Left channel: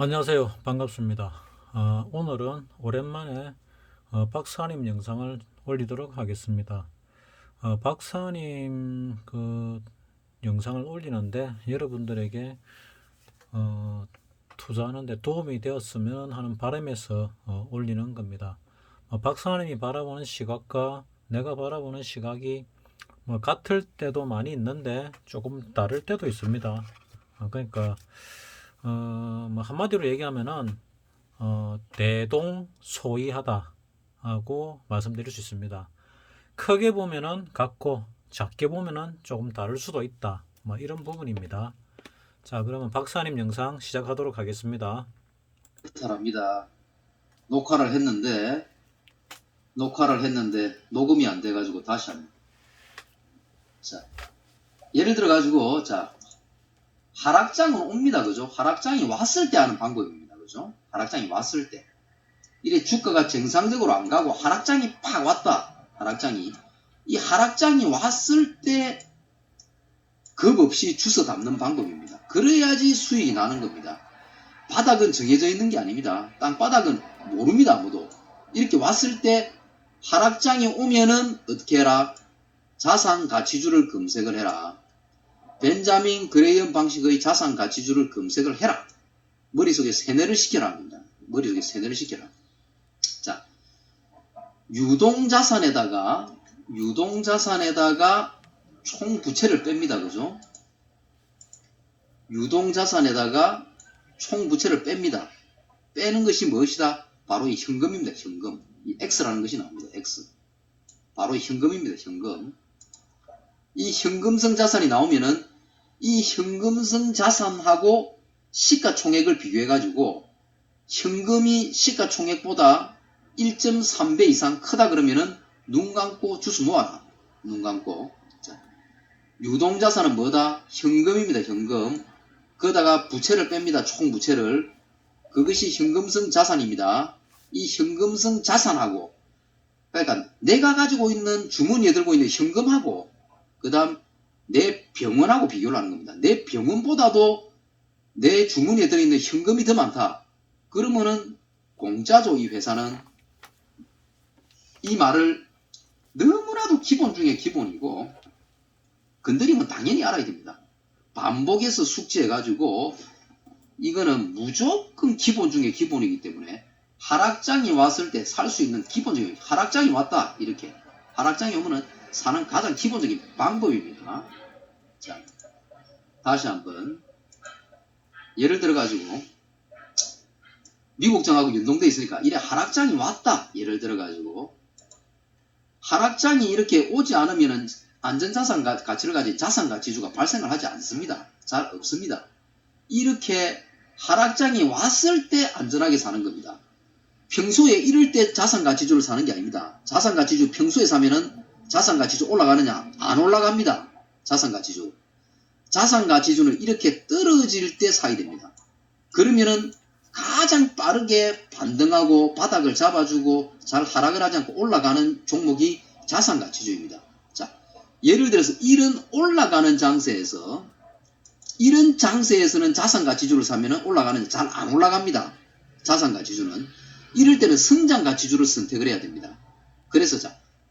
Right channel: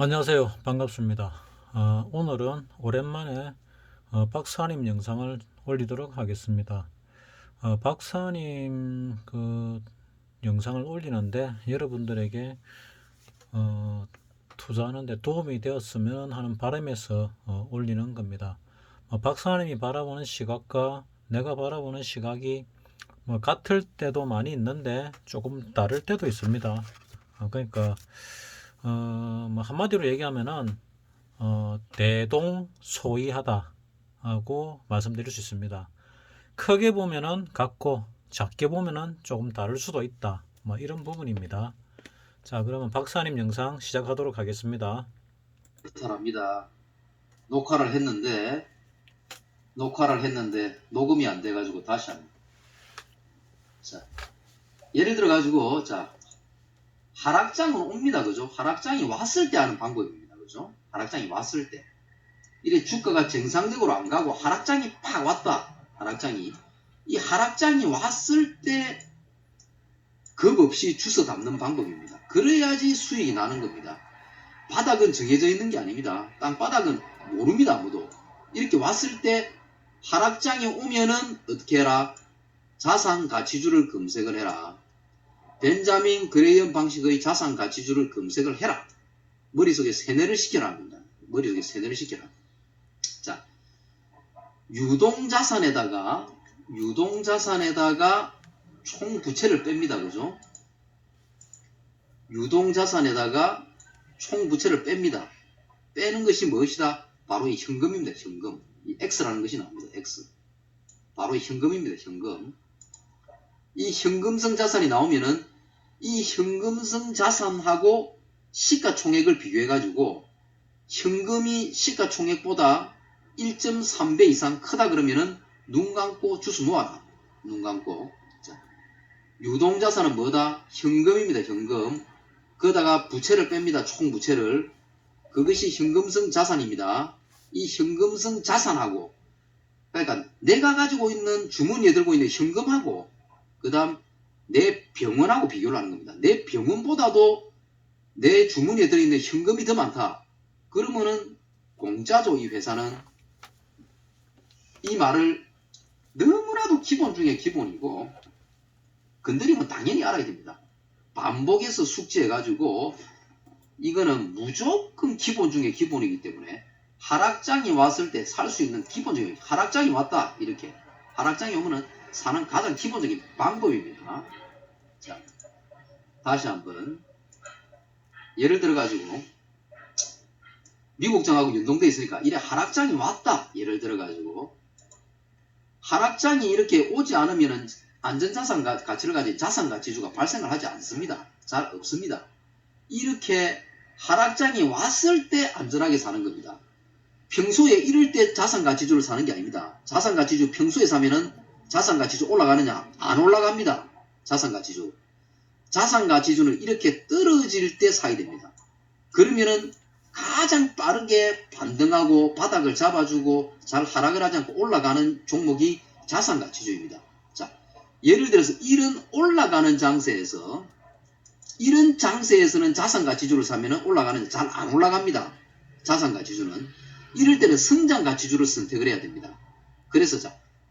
안녕하세요. 반갑습니다. 오늘은 오랜만에 박사님 영상을 올리도록 하겠습니다. 박사님 영상을 올리는데 여러분들에게 어, 투자하는데 도움이 되었으면 하는 바람에서 올리는 겁니다. 박사님이 바라보는 시각과 내가 바라보는 시각이 같을 때도 많이 있는데 조금 다를 때도 있습니다. 그러니까 한마디로 얘기하면은 대동소이하다 하고 말씀드릴 수 있습니다. 크게 보면은 같고 작게 보면은 조금 다를 수도 있다. 이런 부분입니다. 자, 그러면 박사님 영상 시작하도록 하겠습니다. 합니다. 녹화를 했는데 녹음이 안 돼가지고 다시 합니다. 자, 예를 들어가지고 하락장은 옵니다. 그죠? 하락장이 왔을 때 하는 방법입니다. 그죠? 하락장이 왔을 때. 이래 주가가 정상적으로 안 가고 하락장이 팍 왔다. 이 하락장이 왔을 때 겁 없이 주워 담는 방법입니다. 그래야지 수익이 나는 겁니다. 바닥은 정해져 있는 게 아닙니다. 땅바닥은 모릅니다. 아무도. 이렇게 왔을 때 하락장이 오면은 어떻게 해라? 자산가치주를 검색을 해라. 벤자민 그레이엄 방식의 자산가치주를 검색을 해라. 머릿속에 세뇌를 시켜라 합니다. 머릿속에 세뇌를 시켜라. 자, 유동자산에다가 총부채를 뺍니다. 그죠? 유동자산에다가 총부채를 뺍니다. 빼는 것이 무엇이다? 바로 이 현금입니다. 현금. 이 X라는 것이 나옵니다. X. 바로 현금입니다. 현금. 이 현금성 자산이 나오면은 이 현금성 자산하고 시가총액을 비교해가지고 현금이 시가총액보다 1.3배 이상 크다 그러면은 눈 감고 주스 모아라. 눈 감고. 자, 유동자산은 뭐다? 현금입니다. 현금. 거기다가 부채를 뺍니다. 총부채를. 그것이 현금성 자산입니다. 이 현금성 자산하고, 그러니까 내가 가지고 있는 주머니에 들고 있는 현금하고 그 다음 내 병원하고 비교를 하는 겁니다. 내 병원보다도 내 주머니에 들어있는 현금이 더 많다. 그러면은 공짜죠. 이 회사는. 이 말을 너무나도 기본 중에 기본이고 건드리면 당연히 알아야 됩니다. 반복해서 숙지해가지고 이거는 무조건 기본 중에 기본이기 때문에 하락장이 왔을 때 살 수 있는 기본적인, 하락장이 왔다 이렇게 하락장이 오면은 사는 가장 기본적인 방법입니다. 자, 다시 한번 예를 들어가지고 미국장하고 연동돼 있으니까 이래 하락장이 왔다. 예를 들어가지고 하락장이 이렇게 오지 않으면은 안전자산 가치를 가진 자산가치주가 발생을 하지 않습니다. 잘 없습니다. 이렇게 하락장이 왔을 때 안전하게 사는 겁니다. 평소에 이럴 때 자산가치주를 사는 게 아닙니다. 자산가치주 평소에 사면은 자산가치주 올라가느냐? 안 올라갑니다. 자산가치주는 이렇게 떨어질 때 사야 됩니다. 그러면은 가장 빠르게 반등하고 바닥을 잡아주고 잘 하락을 하지 않고 올라가는 종목이 자산가치주입니다. 자, 예를 들어서 이런 올라가는 장세에서는 자산가치주를 사면은 올라가는데 잘 안 올라갑니다. 자산가치주는. 이럴 때는 성장가치주를 선택을 해야 됩니다. 그래서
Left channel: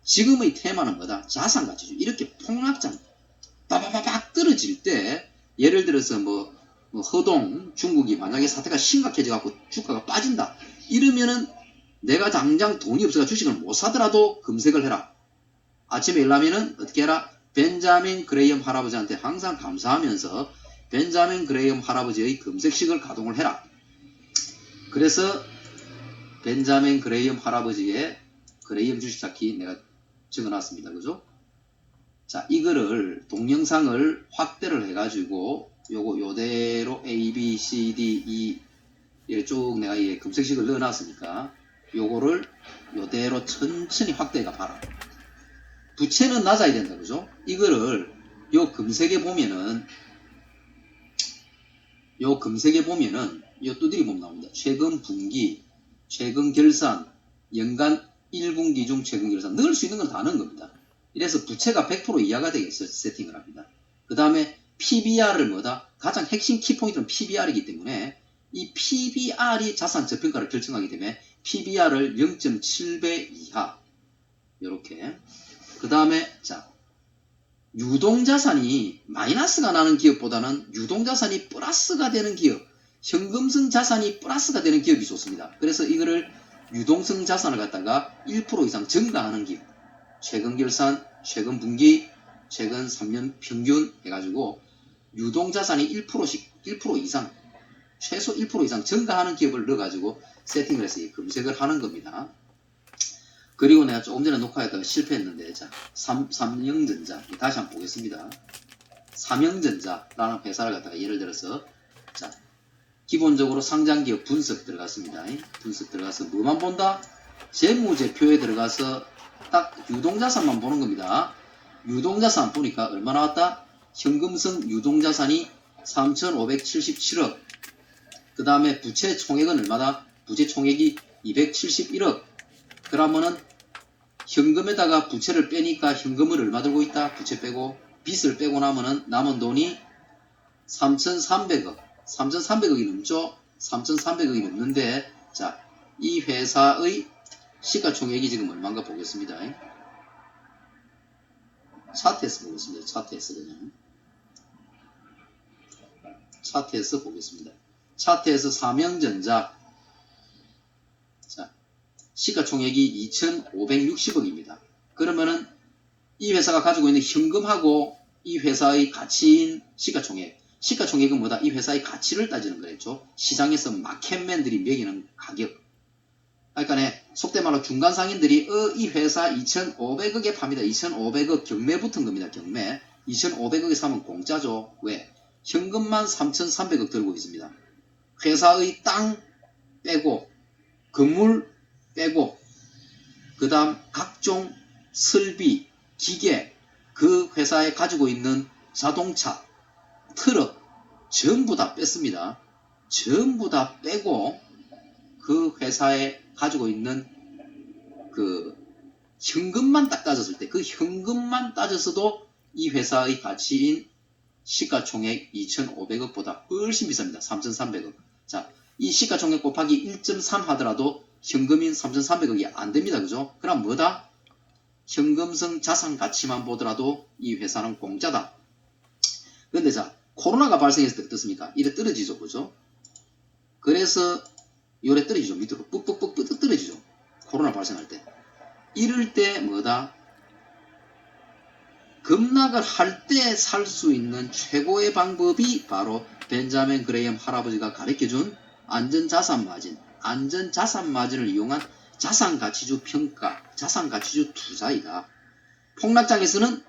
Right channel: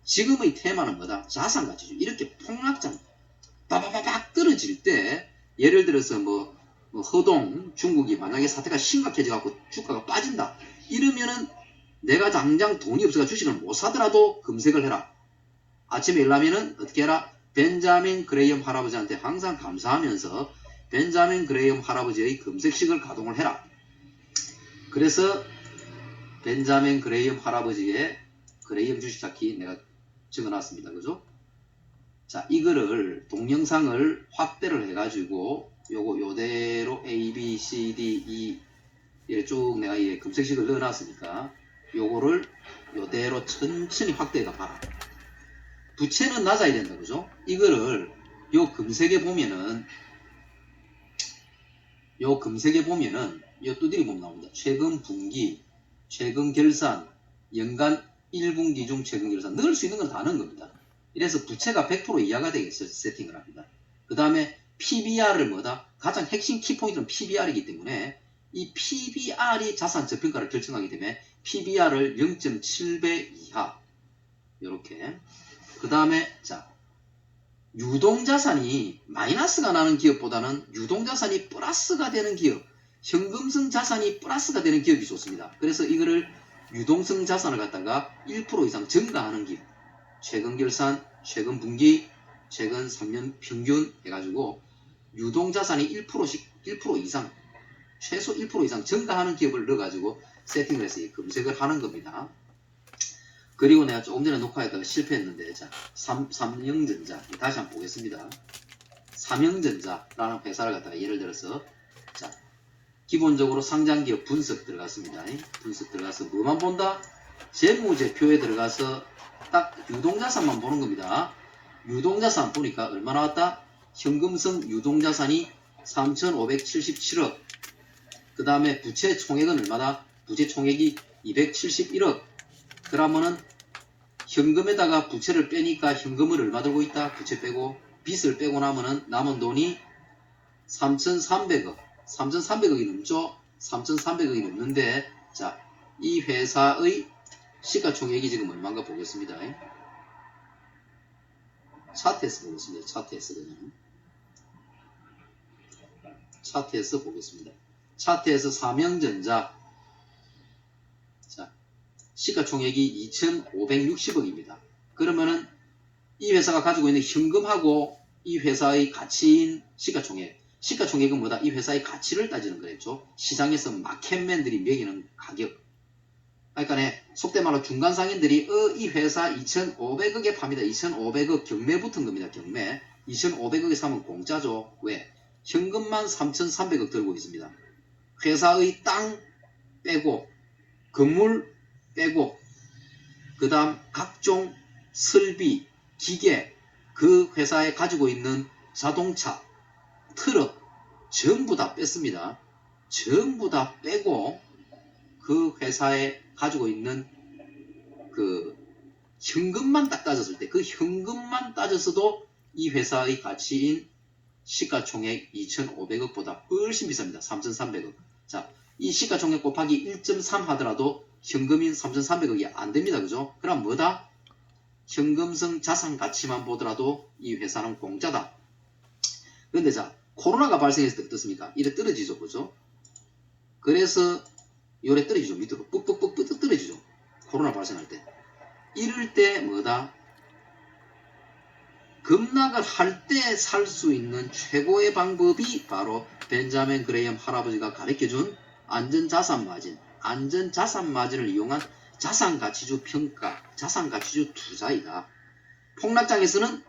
지금의 테마는 뭐다? 자산가치주. 이렇게 폭락장 빠바바박 떨어질 때 예를 들어서 허동 중국이 만약에 사태가 심각해져 갖고 주가가 빠진다. 이러면은 내가 당장 돈이 없어서 주식을 못 사더라도 검색을 해라. 아침에 일어나면은 어떻게 해라? 벤자민 그레이엄 할아버지한테 항상 감사하면서 벤자민 그레이엄 할아버지의 검색식을 가동을 해라. 그래서 벤자민 그레이엄 할아버지의 그레이엄 주식 찾기 내가 적어놨습니다. 그죠? 자, 이거를 동영상을 확대를 해가지고 요대로 A, B, C, D, E 쭉 내가 검색식을 넣어놨으니까 요거를 요대로 천천히 확대해가 봐라. 부채는 낮아야 된다. 그죠? 이거를 요 검색에 보면은 요 두드리 보면 나옵니다. 최근 분기, 최근 결산, 연간 1분기 중 최근 결산 넣을 수 있는 건 다 넣은 겁니다. 이래서 부채가 100% 이하가 되게 세팅을 합니다. 그 다음에 PBR을 가장 핵심 키포인트는 PBR이기 때문에 이 PBR이 자산 저평가를 결정하기 때문에 PBR을 0.7배 이하 이렇게. 그 다음에 자 유동자산이 마이너스가 나는 기업보다는 유동자산이 플러스가 되는 기업, 현금성 자산이 플러스가 되는 기업이 좋습니다. 그래서 이거를 유동성 자산을 갖다가 1% 이상 증가하는 기업, 최근 결산, 최근 분기, 최근 3년 평균 해가지고 유동자산이 1% 이상, 최소 1% 이상 증가하는 기업을 넣어가지고 세팅을 해서 검색을 하는 겁니다. 그리고 내가 조금 전에 녹화했다가 실패했는데, 자, 삼성전자, 다시 한번 보겠습니다. 삼성전자라는 회사를 갖다가 예를 들어서, 자, 기본적으로 상장기업 분석 들어갔습니다. 분석 들어가서 뭐만 본다? 재무제표에 들어가서 딱 유동자산만 보는 겁니다. 유동자산 보니까 얼마 나왔다? 현금성 유동자산이 3,577억. 그 다음에 부채 총액은 얼마다? 부채 총액이 271억. 그러면은 현금에다가 부채를 빼니까 현금을 얼마 들고 있다? 부채 빼고 빚을 빼고 나면은 남은 돈이 3,300억. 3,300억이 넘죠? 3,300억이 넘는데, 자, 이 회사의 시가총액이 지금 얼마인가 보겠습니다. 차트에서 보겠습니다. 차트에서 그냥. 차트에서 보겠습니다. 차트에서 삼성전자. 자, 시가총액이 2,560억입니다. 그러면은 이 회사가 가지고 있는 현금하고 이 회사의 가치인 시가총액은 뭐다? 이 회사의 가치를 따지는 거랬죠. 시장에서 마켓맨들이 매기는 가격. 그러니까 속된 말로 중간 상인들이 이 회사 2,500억에 팝니다. 2,500억 경매 붙은 겁니다. 경매. 2,500억에 사면 공짜죠. 왜? 현금만 3,300억 들고 있습니다. 회사의 땅 빼고 건물 빼고 그 다음 각종 설비, 기계, 그 회사에 가지고 있는 자동차, 트럭 전부 다 뺐습니다. 전부 다 빼고 그 회사에 가지고 있는 그 현금만 딱 따졌을 때 그 현금만 따졌어도 이 회사의 가치인 시가총액 2,500억보다 훨씬 비쌉니다. 3,300억. 자, 이 시가총액 곱하기 1.3 하더라도 현금인 3,300억이 안 됩니다. 그죠? 그럼 뭐다? 현금성 자산 가치만 보더라도 이 회사는 공짜다. 그런데 자, 코로나가 발생했을 때 어떻습니까? 이래 떨어지죠. 그죠? 그래서 요래 떨어지죠. 밑으로 뿍뿍 떨어지죠. 코로나 발생할 때. 이럴 때 뭐다? 급락을 할 때 살 수 있는 최고의 방법이 바로 벤자민 그레이엄 할아버지가 가르쳐준 안전자산 마진을 이용한 자산가치주 평가, 자산가치주 투자이다. 폭락장에서는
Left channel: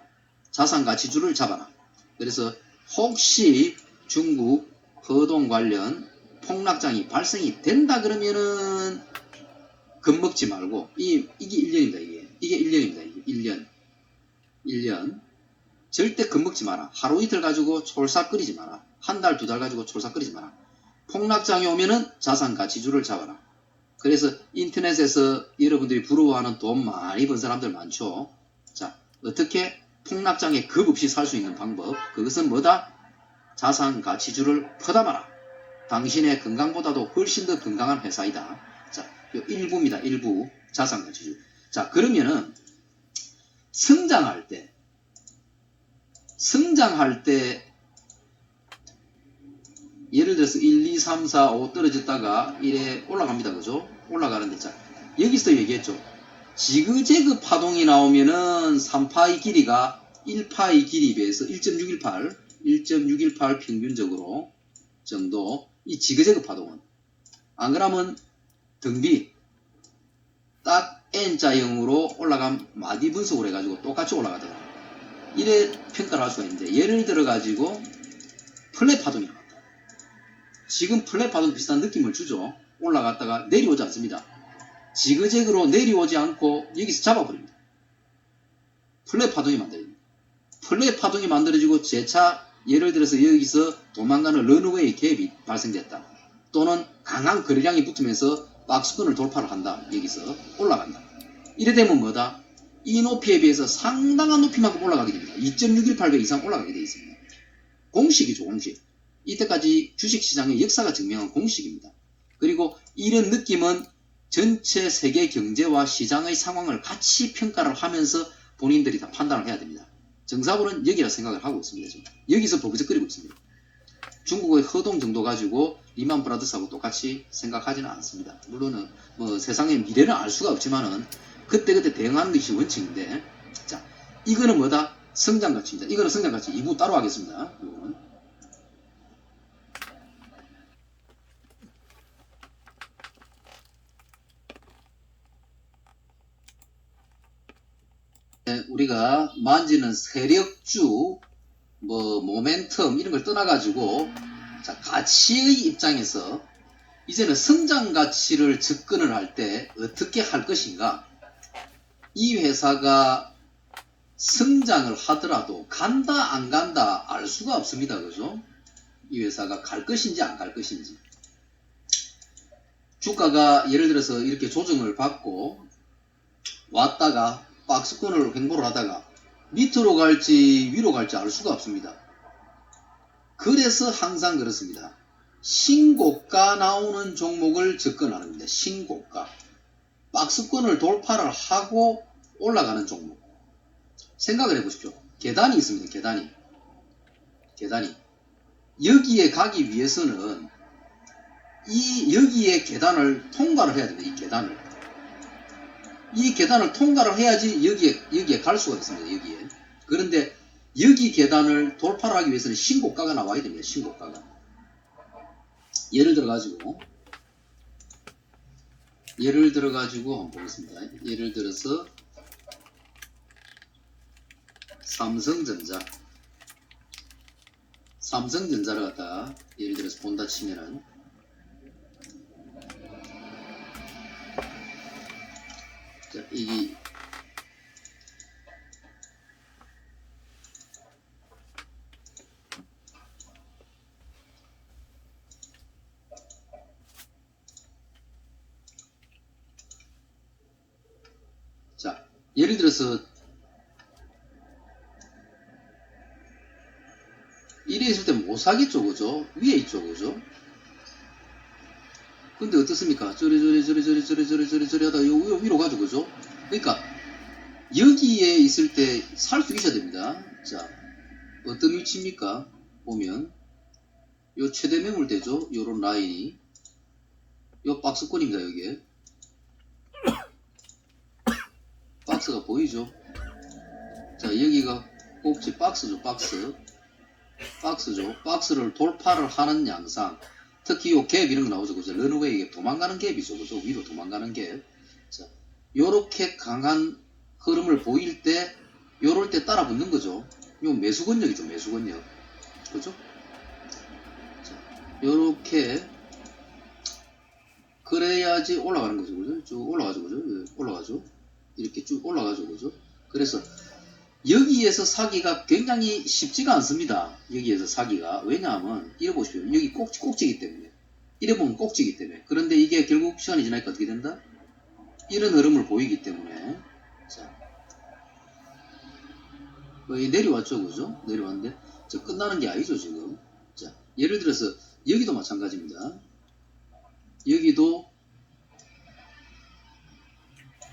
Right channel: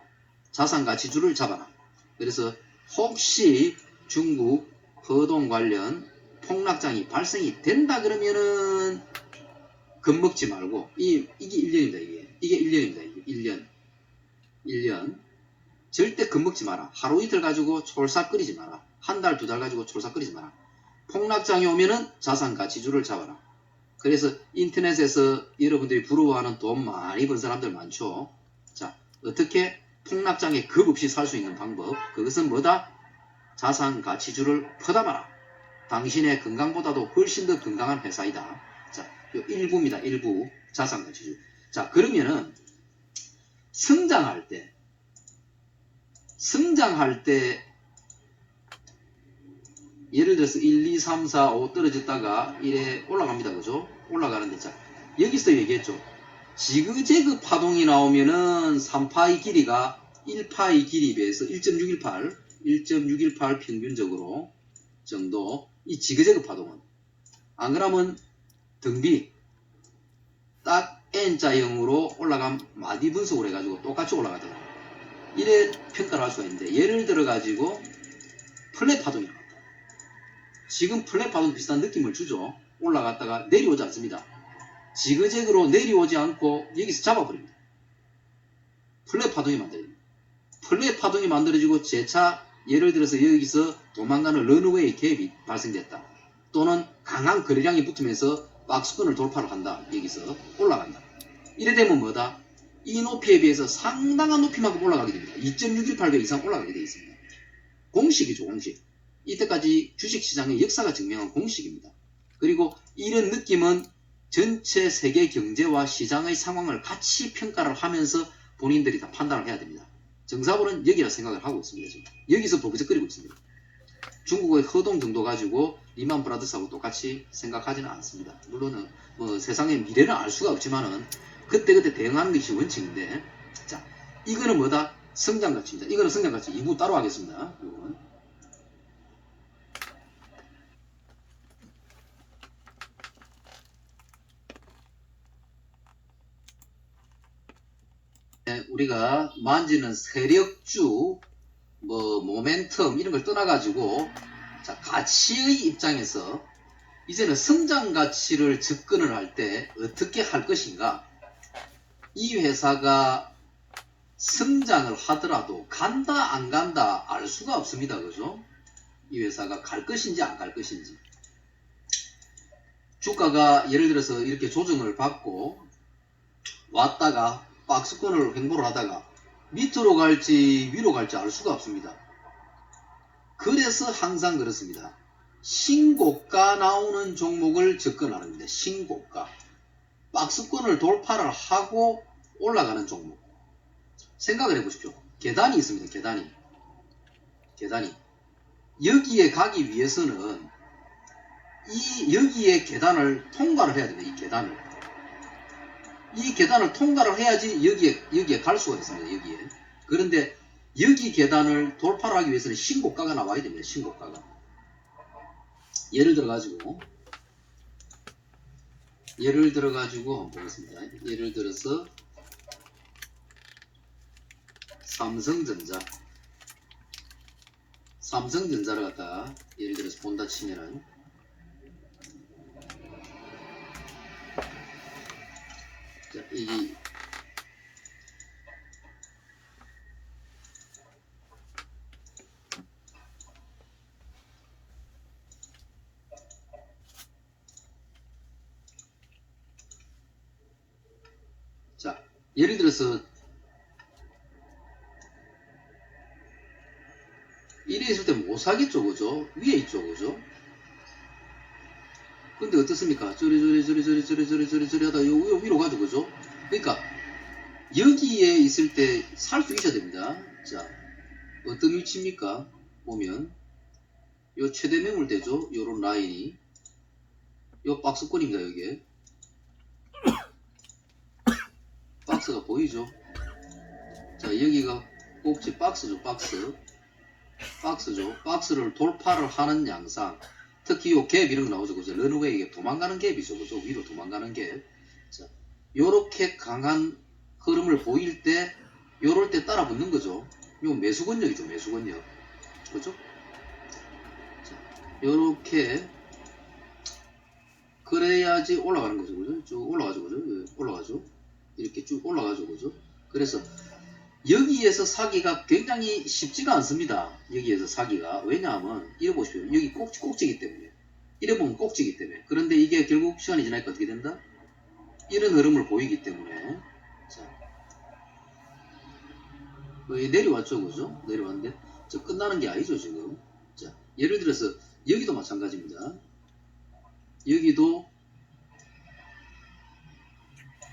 자산가치주를 잡아라. 그래서 혹시 중국 허동 관련 폭락장이 발생이 된다 그러면은 겁먹지 말고 이게 1년입니다. 이게 1년입니다. 1년 절대 겁먹지 마라. 하루 이틀 가지고 촐싹거리지 마라. 한 달, 두 달 가지고 촐싹거리지 마라. 폭락장이 오면은 자산가치주를 잡아라. 그래서 인터넷에서 여러분들이 부러워하는 돈 많이 번 사람들 많죠. 자, 어떻게 폭락장에 겁 없이 살 수 있는 방법. 그것은 뭐다? 자산가치주를 퍼담아라. 당신의 건강보다도 훨씬 더 건강한 회사이다. 자, 요 1부입니다. 1부 자산가치주. 자, 그러면은 성장할 때 예를 들어서 1, 2, 3, 4, 5 떨어졌다가 이래 올라갑니다. 그죠? 올라가는데 자, 여기서 얘기했죠. 지그재그 파동이 나오면은 3파의 길이가 1파의 길이에 비해서 1.618 평균적으로 정도 이 지그재그 파동은 안 그러면 등비 딱 N자형으로 올라간 마디 분석을 해가지고 똑같이 올라가더라. 이래 평가를 할 수가 있는데 예를 들어 가지고 플랫 파동이 나왔다. 지금 플랫 파동 비슷한 느낌을 주죠. 올라갔다가 내려오지 않습니다. 지그재그로 내려오지 않고 여기서 잡아버립니다. 플랫 파동이 만들어집니다. 플랫 파동이 만들어지고 재차 예를 들어서 여기서 도망가는 런어웨이 갭이 발생됐다. 또는 강한 거래량이 붙으면서 박스권을 돌파를 한다. 여기서 올라간다. 이래 되면 뭐다? 이 높이에 비해서 상당한 높이만큼 올라가게 됩니다. 2.618배 이상 올라가게 되어 있습니다. 공식이죠. 공식. 이때까지 주식시장의 역사가 증명한 공식입니다. 그리고 이런 느낌은 전체 세계 경제와 시장의 상황을 같이 평가를 하면서 본인들이 다 판단을 해야 됩니다. 정사부는 여기라 생각을 하고 있습니다. 지금. 여기서 버벅거리고 있습니다. 중국의 허동 정도 가지고 리만 브라더스하고 똑같이 생각하지는 않습니다. 물론은 뭐 세상의 미래는 알 수가 없지만은 그때그때 대응하는 것이 원칙인데, 자, 이거는 뭐다? 성장가치입니다. 이거는 성장가치 2부 따로 하겠습니다. 이거는. 우리가 만지는 세력주, 뭐 모멘텀 이런 걸 떠나가지고, 자, 가치의 입장에서 이제는 성장 가치를 접근을 할 때 어떻게 할 것인가? 이 회사가 성장을 하더라도 간다 안 간다 알 수가 없습니다. 그죠? 이 회사가 갈 것인지 안 갈 것인지. 주가가 예를 들어서 이렇게 조정을 받고 왔다가 박스권을 횡보를 하다가 밑으로 갈지 위로 갈지 알 수가 없습니다. 그래서 항상 그렇습니다. 신고가 나오는 종목을 접근하는 겁니다. 신고가. 박스권을 돌파를 하고 올라가는 종목. 생각을 해보십시오. 계단이 있습니다. 계단이. 여기에 가기 위해서는 여기에 계단을 통과를 해야 됩니다. 이 계단을 통과를 해야지 여기에 갈 수가 있습니다. 여기에. 그런데 여기 계단을 돌파를 하기 위해서는 신고가가 나와야 됩니다. 신고가가. 예를 들어가지고 보겠습니다. 예를 들어서 삼성전자를 갖다 예를 들어서 본다 치면은, 자, 자, 예를 들어서 이래 있을 때 못 사겠죠, 그죠? 위에 있죠, 그죠? 근데 어떻습니까? 저리 하다가 위로 가죠, 그죠? 그러니까 여기에 있을 때 살 수 있어야 됩니다. 자, 어떤 위치입니까? 보면 요 최대 매물대죠, 요런 라인이. 요 박스권입니다, 여기에. 박스가 보이죠? 자, 여기가 꼭지 박스죠. 박스를 돌파를 하는 양상. 특히 요 갭 이런 거 나오죠. 그죠? 런웨이 갭, 도망가는 갭이죠. 그죠? 위로 도망가는 갭. 자, 요렇게 강한 흐름을 보일 때, 요럴 때 따라 붙는 거죠. 요 매수권력이죠. 매수권력. 그죠? 자, 요렇게 그래야지 올라가는 거죠. 그죠? 쭉 올라가죠. 그죠? 올라가죠. 이렇게 쭉 올라가죠. 그죠? 그래서 여기에서 사기가 굉장히 쉽지가 않습니다. 여기에서 사기가. 왜냐하면 이래 보십시오. 여기 꼭지기 때문에. 이래 보면 꼭지기 때문에. 그런데 이게 결국 시간이 지나니까 어떻게 된다? 이런 흐름을 보이기 때문에. 자, 거의 내려왔죠. 그죠? 내려왔는데 저 끝나는 게 아니죠. 지금. 자, 예를 들어서 여기도 마찬가지입니다.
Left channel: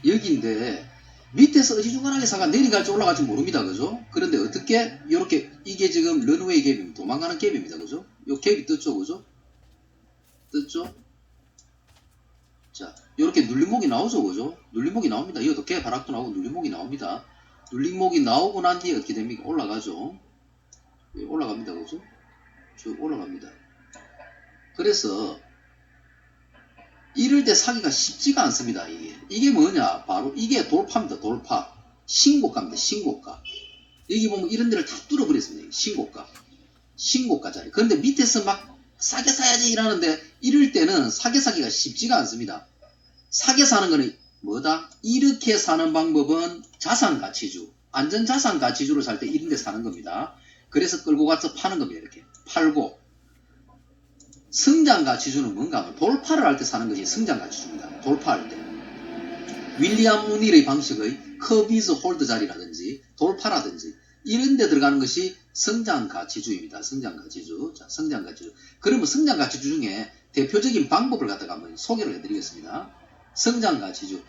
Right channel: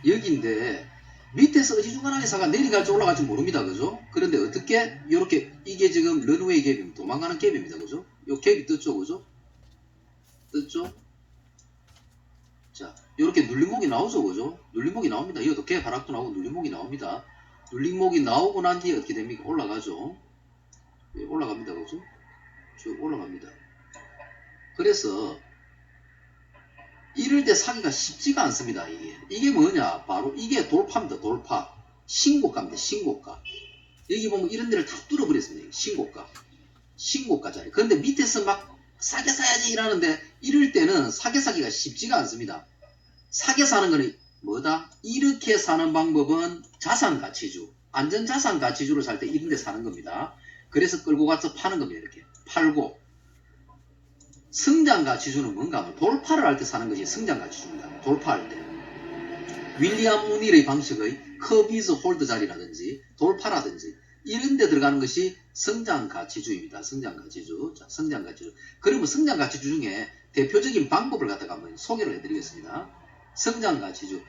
여기인데 밑에서 어지중간하게 사가 내려갈지 올라갈지 모릅니다. 그죠? 그런데 어떻게 이렇게 이게 지금 런웨이 갭입니다. 도망가는 갭입니다. 그죠? 요 갭이 떴죠. 그죠? 떴죠? 자, 이렇게 눌림목이 나오죠. 그죠? 눌림목이 나옵니다. 이것도 갭 하락도 나오고 눌림목이 나옵니다. 눌림목이 나오고 난 뒤에 어떻게 됩니까? 올라가죠. 예, 올라갑니다. 그죠? 쭉 올라갑니다. 그래서 이럴 때 사기가 쉽지가 않습니다. 이게 뭐냐? 바로 이게 돌파입니다. 돌파. 신고가입니다. 신고가. 여기 보면 이런 데를 다 뚫어버렸습니다. 신고가 자리. 그런데 밑에서 막 싸게 사야지 이러는데 이럴 때는 싸게 사기가 쉽지가 않습니다. 싸게 사는 거는 뭐다? 이렇게 사는 방법은 자산가치주. 안전자산가치주로 살 때 이런 데 사는 겁니다. 그래서 끌고 가서 파는 겁니다. 이렇게. 팔고. 성장가치주는 뭔가 하면 돌파를 할 때 사는 것이 성장가치주입니다. 돌파할 때. 윌리엄 무닐의 방식의 커비즈 홀드 자리라든지 돌파라든지 이런 데 들어가는 것이 성장가치주입니다. 성장가치주. 자, 성장가치주. 그러면 성장가치주 중에 대표적인 방법을 갖다가 한번 소개를 해드리겠습니다. 성장가치주.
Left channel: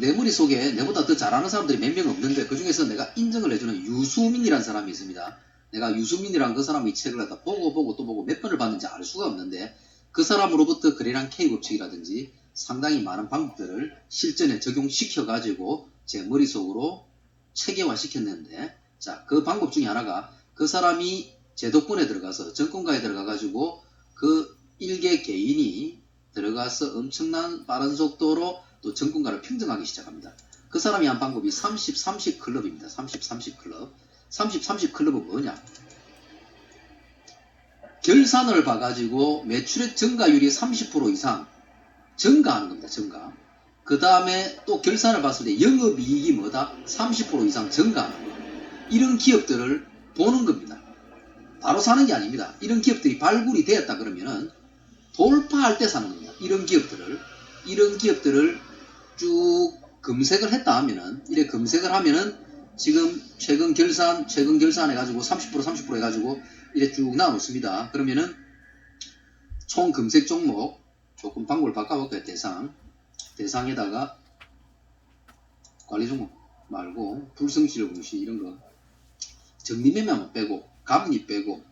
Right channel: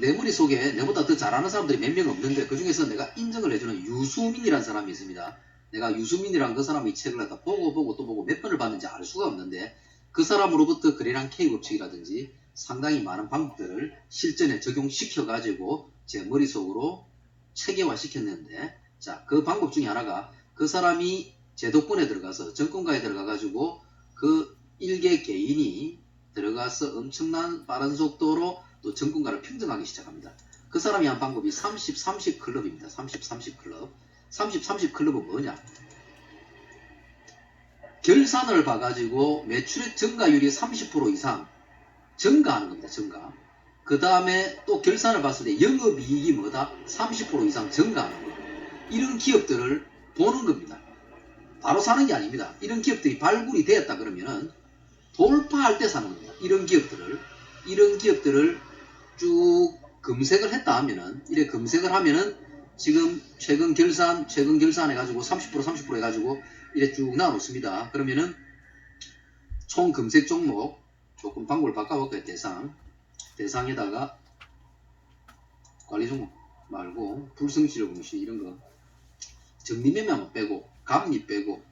내 머릿속에 내보다 더 잘하는 사람들이 몇 명 없는데 그 중에서 내가 인정을 해주는 유수민이라는 사람이 있습니다. 내가 유수민이라는 그 사람의 책을 갖다 보고 또 보고 몇 번을 봤는지 알 수가 없는데 그 사람으로부터 그래랑 K법칙이라든지 상당히 많은 방법들을 실전에 적용시켜 가지고 제 머릿속으로 체계화 시켰는데, 자, 그 방법 중에 하나가 그 사람이 제 덕분에 들어가서 정권가에 들어가 가지고 그 일개 개인이 들어가서 엄청난 빠른 속도로 또 정권가를 평정하기 시작합니다. 그 사람이 한 방법이 30-30 클럽입니다. 30-30 클럽. 30-30 클럽은 뭐냐? 결산을 봐가지고 매출액 증가율이 30% 이상 증가하는 겁니다. 증가. 그 다음에 또 결산을 봤을 때 영업이익이 뭐다? 30% 이상 증가하는 거예요. 이런 기업들을 보는 겁니다. 바로 사는 게 아닙니다. 이런 기업들이 발굴이 되었다 그러면은 돌파할 때 사는 겁니다. 이런 기업들을 쭉 검색을 했다 하면은, 이래 검색을 하면은 지금 최근 결산 해가지고 30% 해가지고 이래 쭉 나와놓습니다. 그러면은 총 검색 종목 조금 방법을 바꿔볼까요? 대상에다가 관리 종목 말고 불성실 공시 이런 거 정리매매만 빼고 감리 빼고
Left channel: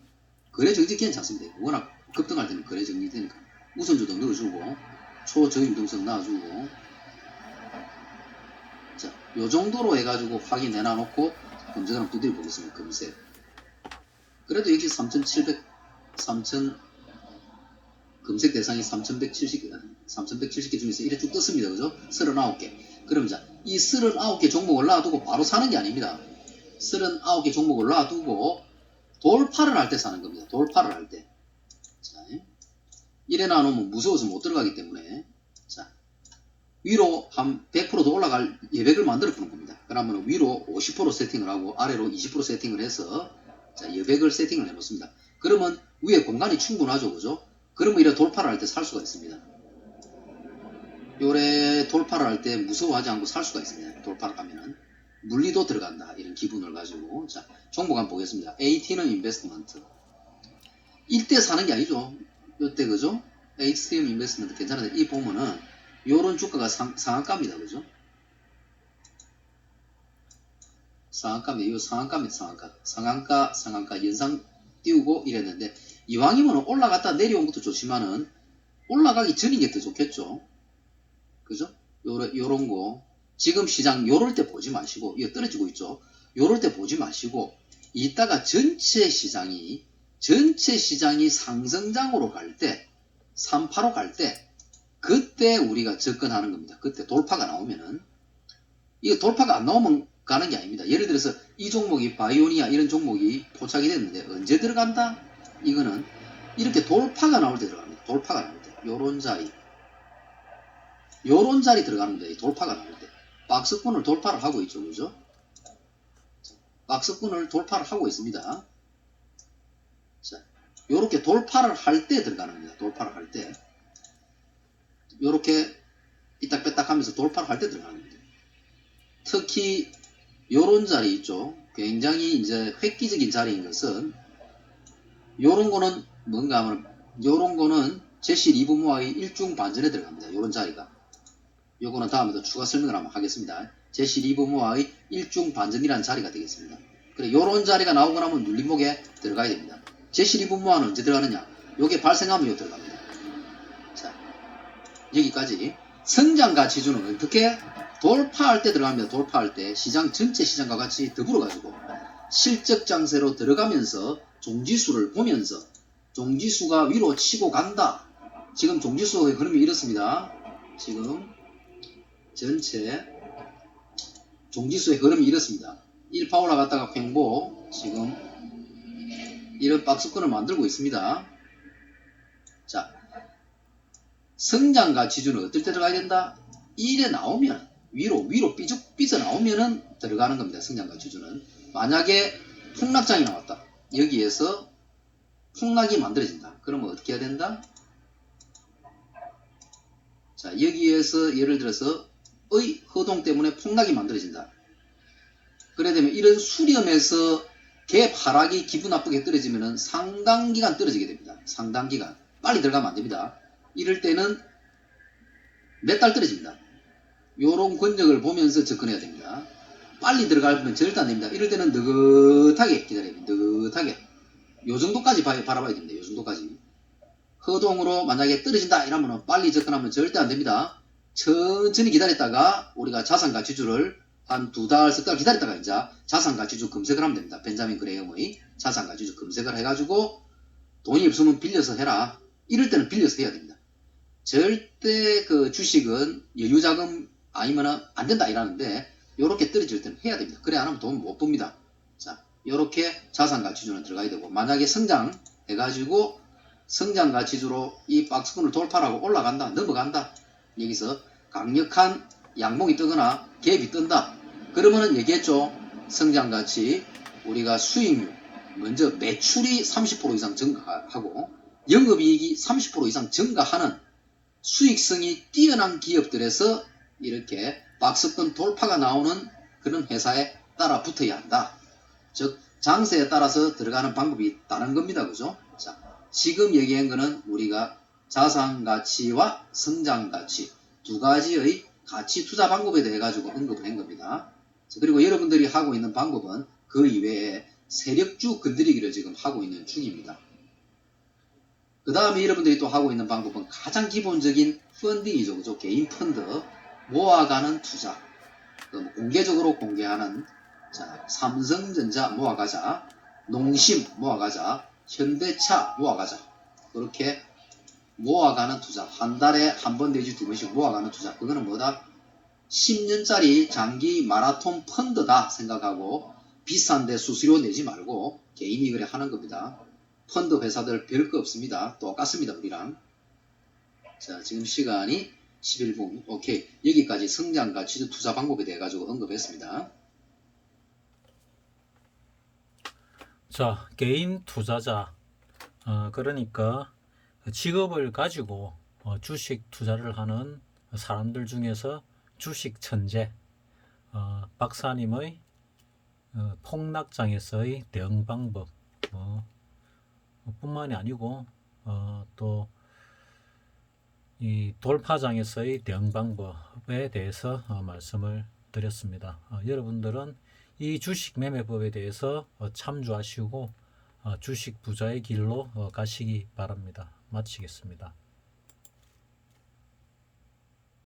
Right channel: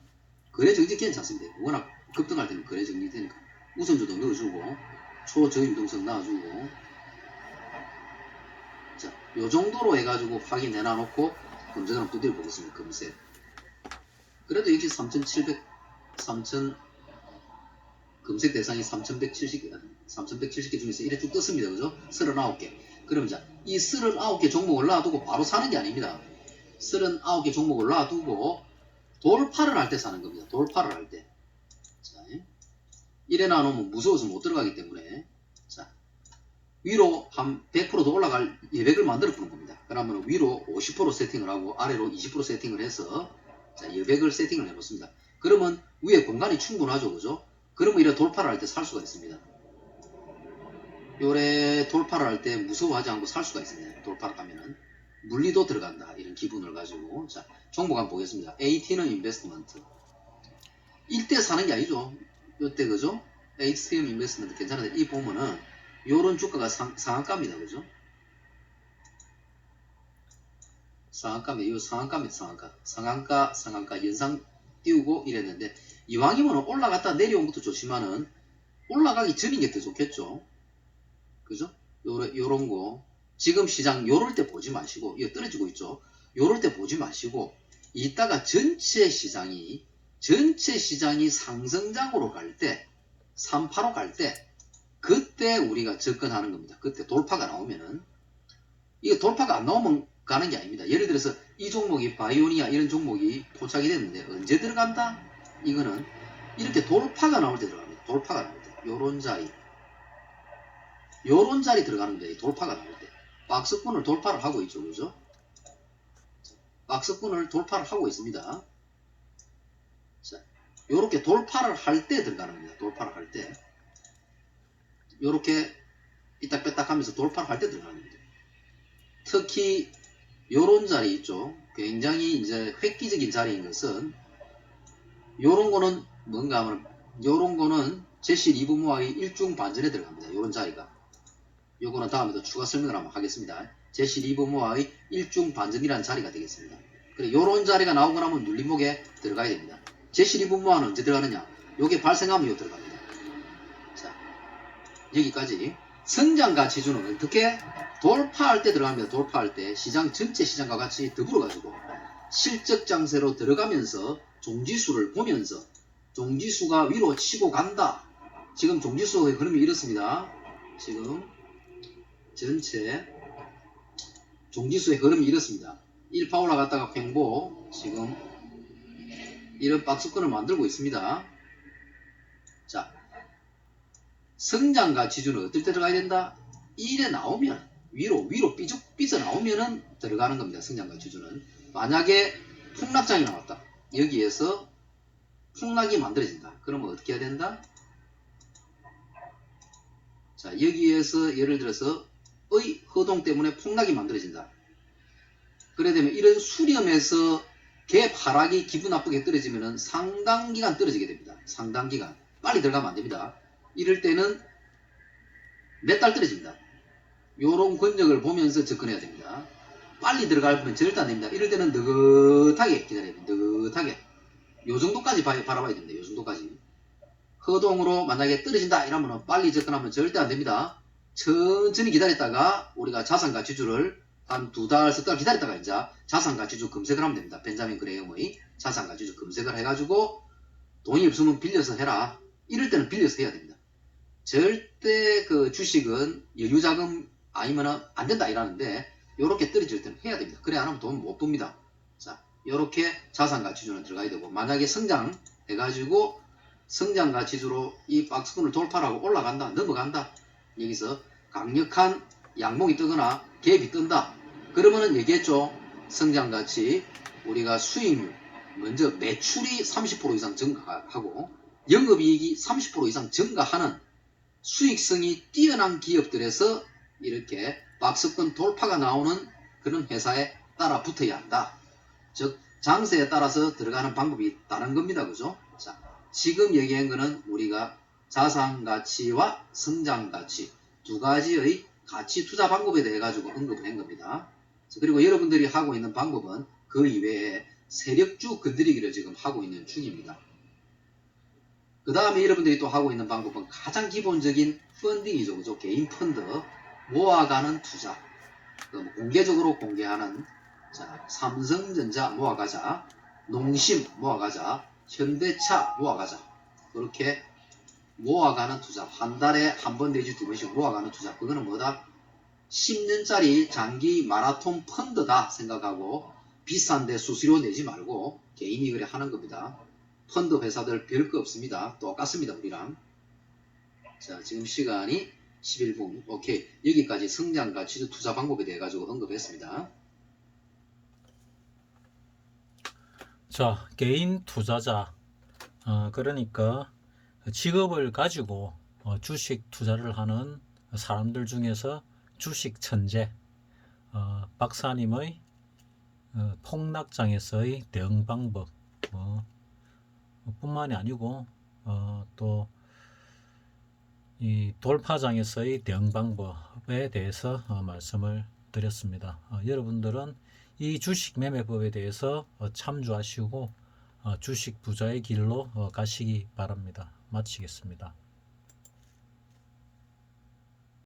거래 정지 괜찮습니다. 워낙 급등할 때는 거래 정지 되니까 우선주도 넣어주고 초저유동성 놔주고, 자, 요 정도로 해가지고 확인해 놔놓고 검색을 한번 두드려 보겠습니다. 검색. 그래도 여기 3,700 검색 대상이 3,170개 중에서 이래 쭉 떴습니다. 그죠? 39개. 그럼 자, 이 39개 종목을 놔두고 바로 사는 게 아닙니다. 39개 종목을 놔두고 돌파를 할 때 사는 겁니다. 돌파를 할 때. 자, 이래 놔놓으면 무서워서 못 들어가기 때문에, 자, 위로 한 100%도 올라갈 예백을 만들어 보는 겁니다. 그러면 위로 50% 세팅을 하고 아래로 20% 세팅을 해서, 자, 예백을 세팅을 해 놓습니다. 그러면 위에 공간이 충분하죠. 그죠? 그러면 이래 돌파를 할 때 살 수가 있습니다. 요래 돌파를 할 때 무서워하지 않고 살 수가 있습니다. 돌파를 하면은 물리도 들어간다 이런 기분을 가지고. 자, 종목 한번 보겠습니다. ATM 인베스트먼트. 이때 사는 게 아니죠. 요때 그죠? ATM 인베스트먼트 괜찮은데 이 보면은 요런 주가가 상한가입니다. 그죠? 상한가입니다. 요 상한가입니다. 상한가 연상 띄우고 이랬는데, 이왕이면 올라갔다 내려온 것도 좋지만은 올라가기 전인 게 더 좋겠죠. 그죠? 요런 거 지금 시장 요럴 때 보지 마시고, 이거 떨어지고 있죠. 요럴 때 보지 마시고 이따가 전체 시장이 상승장으로 갈 때, 385 갈 때 그때 우리가 접근하는 겁니다. 그때 돌파가 나오면은, 이게 돌파가 안 나오면 가는 게 아닙니다. 예를 들어서 이 종목이 바이오니아 이런 종목이 포착이 됐는데 언제 들어간다? 이거는 이렇게 돌파가 나올 때 들어갑니다. 돌파가 나올 때 요런 자리 들어가는 거예요. 돌파가 나올 때 박스권을 돌파를 하고 있죠. 그죠? 박스권을 돌파를 하고 있습니다. 자, 요렇게 돌파를 할 때 들어가는 겁니다. 돌파를 할 때 요렇게 이딱 뺐딱 하면서 돌파를 할 때 들어가는 겁니다. 특히 요런 자리 있죠. 굉장히 이제 획기적인 자리인 것은, 요런 거는 뭔가 하면, 요런 거는 제시 리브모아의 일중 반전에 들어갑니다. 요런 자리가. 요거는 다음에도 추가 설명을 한번 하겠습니다. 제시 리브모아의 일중 반전이라는 자리가 되겠습니다. 그래, 요런 자리가 나오고 나면 눌림목에 들어가야 됩니다. 제시 리브모아는 언제 들어가느냐? 요게 발생하면 요 들어갑니다. 자, 여기까지. 성장가치주는 어떻게? 돌파할 때 들어갑니다. 돌파할 때 전체 시장과 같이 더불어 가지고 실적 장세로 들어가면서 종지수를 보면서 종지수가 위로 치고 간다. 지금 종지수의 흐름이 이렇습니다. 지금 전체 종지수의 흐름이 이렇습니다. 1파 올라갔다가 횡보, 지금 이런 박스권을 만들고 있습니다. 자, 성장가치주는 어떨 때 들어가야 된다? 이래 나오면 위로 삐져 나오면은 들어가는 겁니다. 성장가치주는. 만약에 폭락장이 나왔다. 여기에서 폭락이 만들어진다. 그러면 어떻게 해야 된다? 자, 여기에서 예를 들어서 의 허동 때문에 폭락이 만들어진다. 그래 되면 이런 수렴에서 갭 하락이 기분 나쁘게 떨어지면은 상당 기간 떨어지게 됩니다. 상당 기간. 빨리 들어가면 안 됩니다. 이럴 때는 몇 달 떨어집니다. 요런 권역을 보면서 접근해야 됩니다. 빨리 들어가면 절대 안 됩니다. 이럴 때는 느긋하게 기다려야 됩니다. 느긋하게. 요 정도까지 바라봐야 됩니다. 요 정도까지. 허동으로 만약에 떨어진다 이러면 빨리 접근하면 절대 안 됩니다. 천천히 기다렸다가 우리가 자산가치주를 한 2달, 3달 기다렸다가 이제 자산가치주 검색을 하면 됩니다. 벤자민 그레이엄의 자산가치주 검색을 해가지고 돈이 없으면 빌려서 해라. 이럴 때는 빌려서 해야 됩니다. 절대 그 주식은 여유자금 아니면 안 된다 이러는데 요렇게 떨어질 때는 해야 됩니다. 그래 안 하면 돈 못 봅니다. 자, 요렇게 자산가치주는 들어가야 되고 만약에 성장 해가지고 성장가치주로 이 박스권을 돌파하고 올라간다, 넘어간다. 여기서 강력한 양봉이 뜨거나 갭이 뜬다. 그러면은 얘기했죠. 성장가치 우리가 수익률 먼저 매출이 30% 이상 증가하고 영업이익이 30% 이상 증가하는 수익성이 뛰어난 기업들에서 이렇게 박스권 돌파가 나오는 그런 회사에 따라 붙어야 한다. 즉 장세에 따라서 들어가는 방법이 다른 겁니다. 그죠? 자, 지금 얘기한 거는 우리가 자산가치와 성장가치 두 가지의 가치 투자 방법에 대해 가지고 언급을 한 겁니다. 그리고 여러분들이 하고 있는 방법은 그 이외에 세력주 건드리기를 지금 하고 있는 중입니다. 그 다음에 여러분들이 또 하고 있는 방법은 가장 기본적인 펀딩이죠. 그죠? 개인 펀드, 모아가는 투자. 공개적으로 공개하는 자, 삼성전자 모아가자, 농심 모아가자, 현대차 모아가자. 그렇게 모아가는 투자. 한 달에 한 번 내지 2번씩 모아가는 투자. 그거는 뭐다? 10년짜리 장기 마라톤 펀드다 생각하고 비싼데 수수료 내지 말고 개인이 그래 하는 겁니다. 펀드 회사들 별거 없습니다. 똑같습니다. 우리랑. 자, 지금 시간이 11분. 오케이. 여기까지 성장가치주 투자 방법에 대해 가지고 언급했습니다. 자, 개인 투자자. 그러니까 직업을 가지고 주식 투자를 하는 사람들 중에서 주식 천재 박사님의 폭락장에서의 대응 방법 뿐만이 아니고 또 이 돌파장에서의 대응 방법에 대해서 말씀을 드렸습니다. 여러분들은 이 주식 매매법에 대해서 참조하시고 주식 부자의 길로 가시기 바랍니다. 마치겠습니다.